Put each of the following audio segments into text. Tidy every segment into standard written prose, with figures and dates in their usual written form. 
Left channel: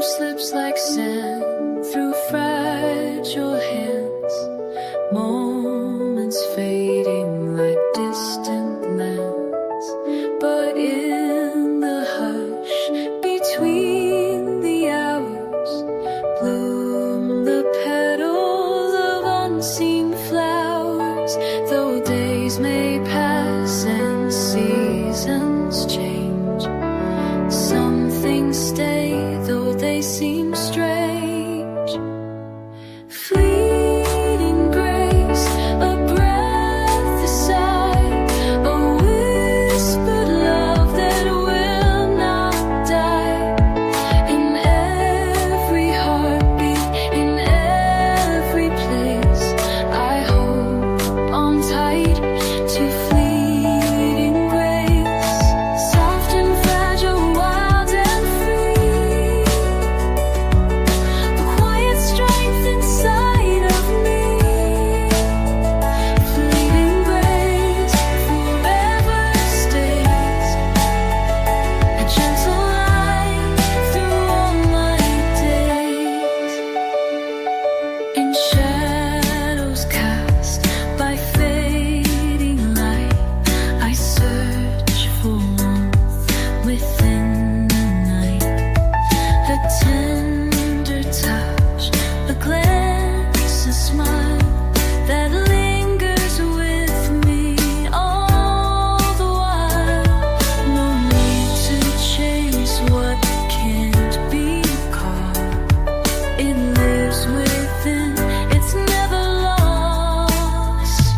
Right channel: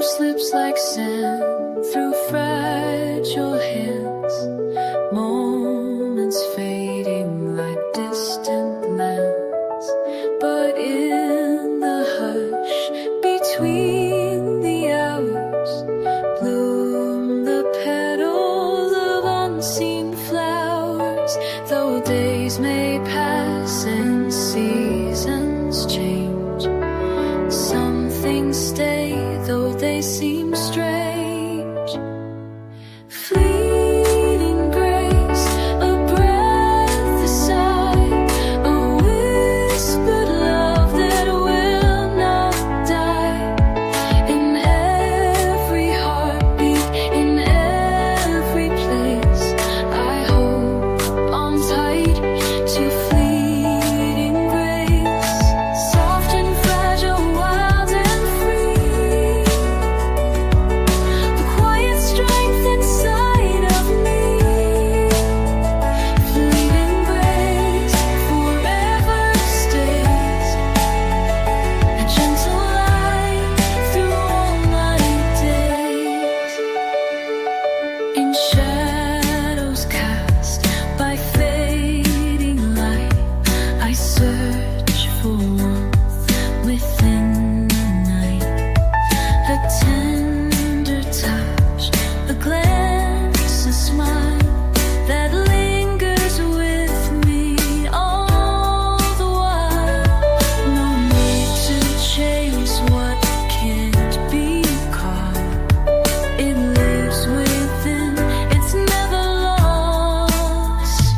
Time slips like sand through fragile hands, moments fading like distant lands. But in the hush between the hours, bloom the petals of unseen flowers. Though days may pass and seasons change, some things stay, though they seem strange. Fleeting grace, a breath, a sigh, a whispered love that will not die. In every heartbeat, in every place, I hold on tight to fleeting grace. Soft and fragile, wild and free, the quiet strength inside of me. Fleeting grace forever stays, a gentle light through all my days. In shadows cast by fading light, I search for warmth within the night. A tender touch, a glance, a smile that lingers with me all the while. No need to chase what can't be caught. It lives within, it's never lost.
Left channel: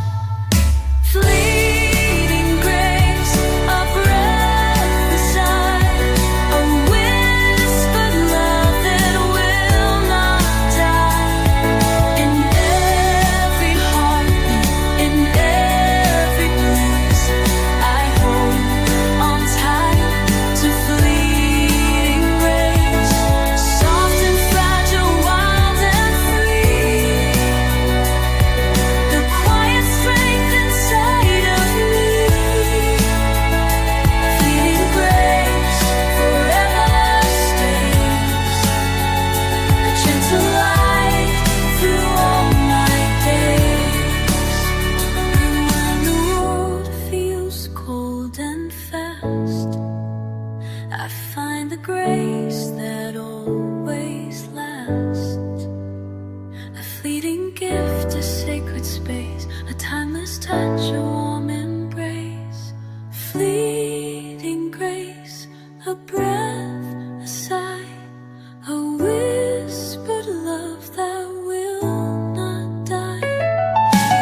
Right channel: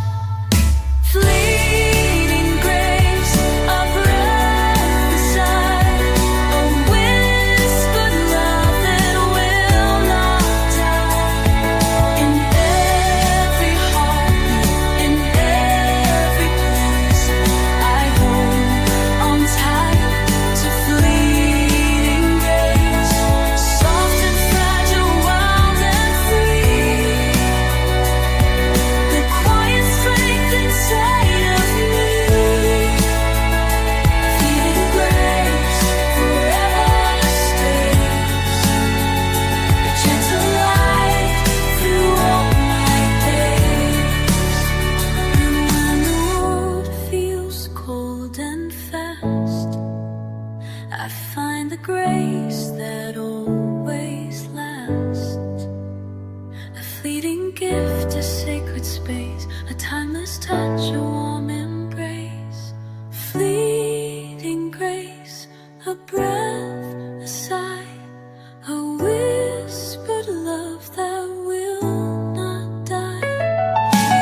Fleeting grace, a breath, a sigh, a whispered love that will not die. In every heartbeat, in every place, I hold on tight to fleeting grace. Soft and fragile, wild and free, the quiet strength inside of me. Fleeting grace forever stays, a gentle light through all my days. And when the world feels cold and fast, I find the grace that always lasts. A fleeting gift, a sacred space, a timeless touch, a warm embrace. Fleeting grace, a breath, a sigh, a whispered love that will not die.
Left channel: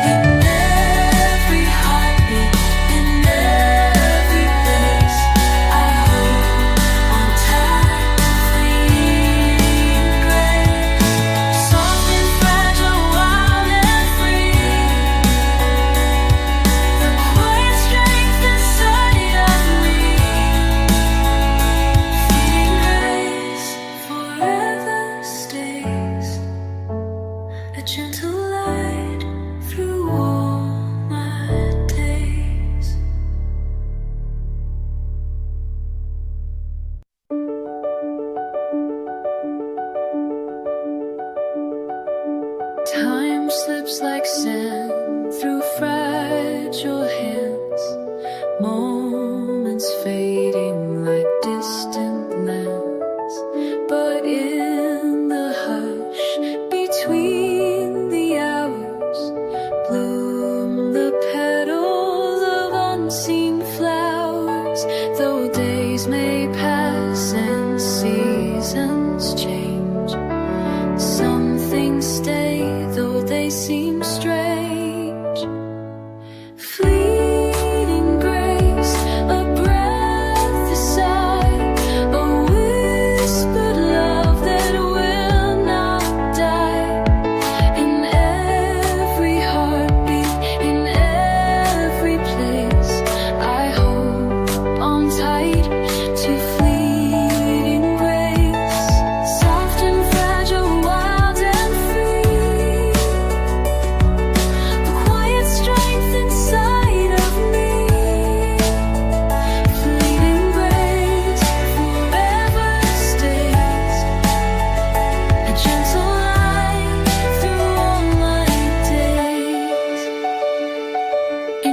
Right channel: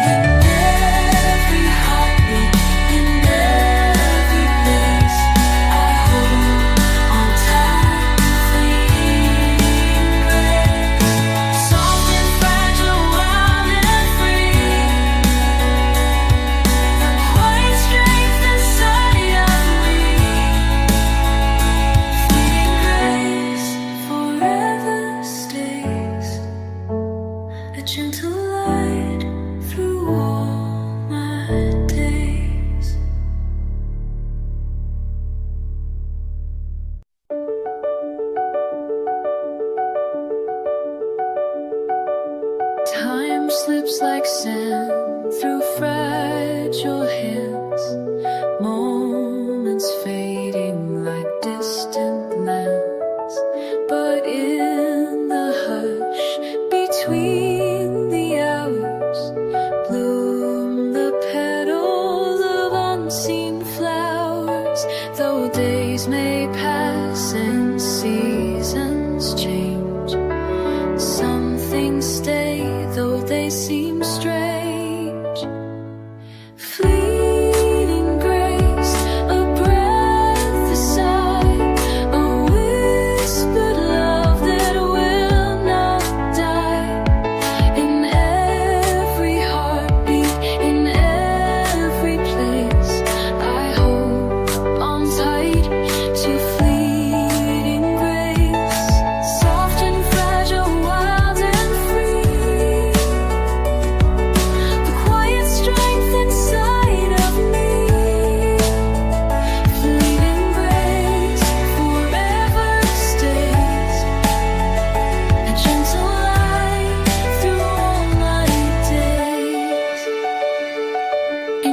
In every heartbeat, in every place, I hold on tight to fleeting grace. Soft and fragile, wild and free, the quiet strength inside of me. Fleeting grace forever stays, a gentle light through all my days. Time slips like sand through fragile hands, moments fading like distant lands. But in the hush between the hours, bloom the petals of unseen flowers. Though days may pass and seasons change, some things stay, though they seem strange. Fleeting grace, a breath, a sigh, a whispered love that will not die. In every heartbeat, in every place, I hold on tight to fleeting grace. Soft and fragile, wild and free, the quiet strength inside of me. Fleeting grace forever stays,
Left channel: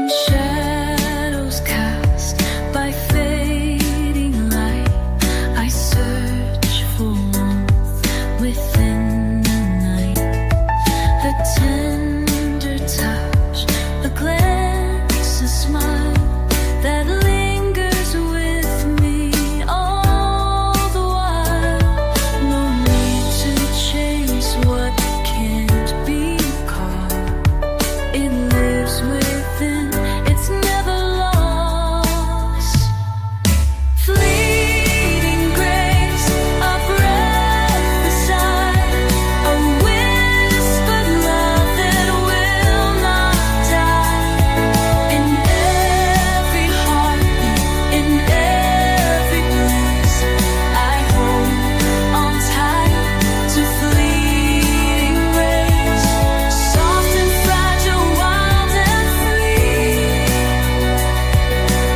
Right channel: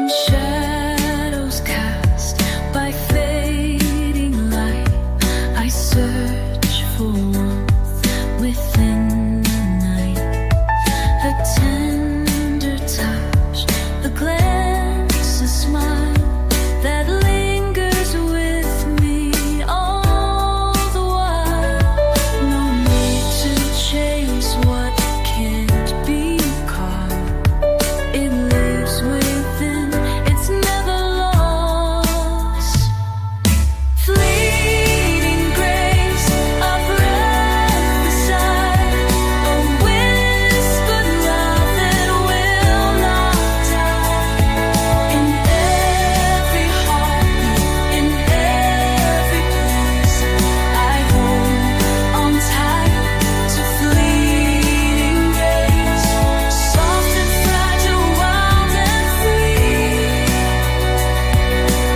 in shadows cast by fading light, I search for warmth within the night. A tender touch, a glance, a smile that lingers with me all the while. No need to chase what can't be caught. It lives within, it's never lost. Fleeting grace, a breath, a sigh, a whispered love that will not die. In every heartbeat, in every bruise, I hold on tight to fleeting grace, soft and fragile, wild and free.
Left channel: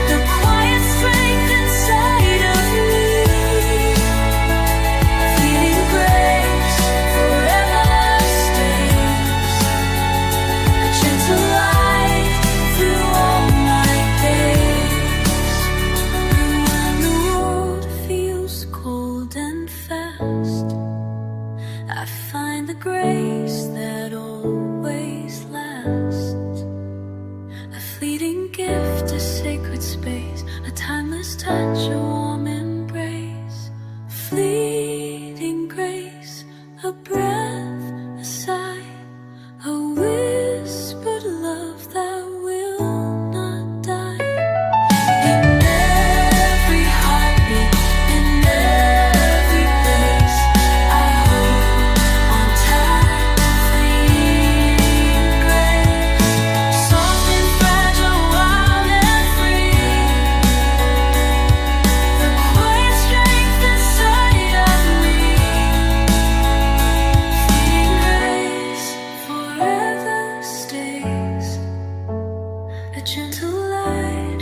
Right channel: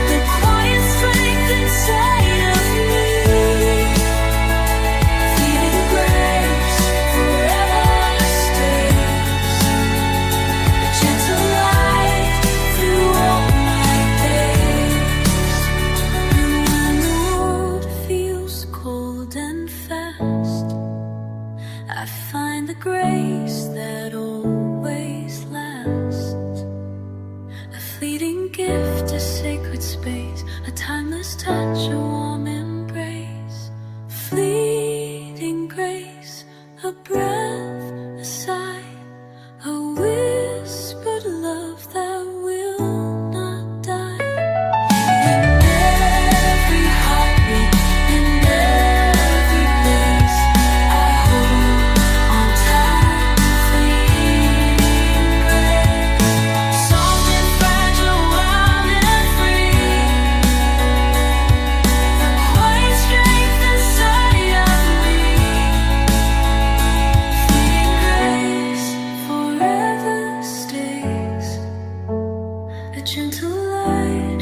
The quiet strength inside of me. Fleeting grace forever stays, a gentle light through all my days. And when the road feels cold and fast, I find the grace that always lasts. A fleeting gift, a sacred space, a timeless touch, a warm embrace. Fleeting grace, a breath, a sigh, a whispered love that will not die. In every heartbeat, in every place, I hold on tight to fleeting grace, soft and fragile, warm and free. The quiet strength inside of me. Fleeting grace forever stays, a gentle light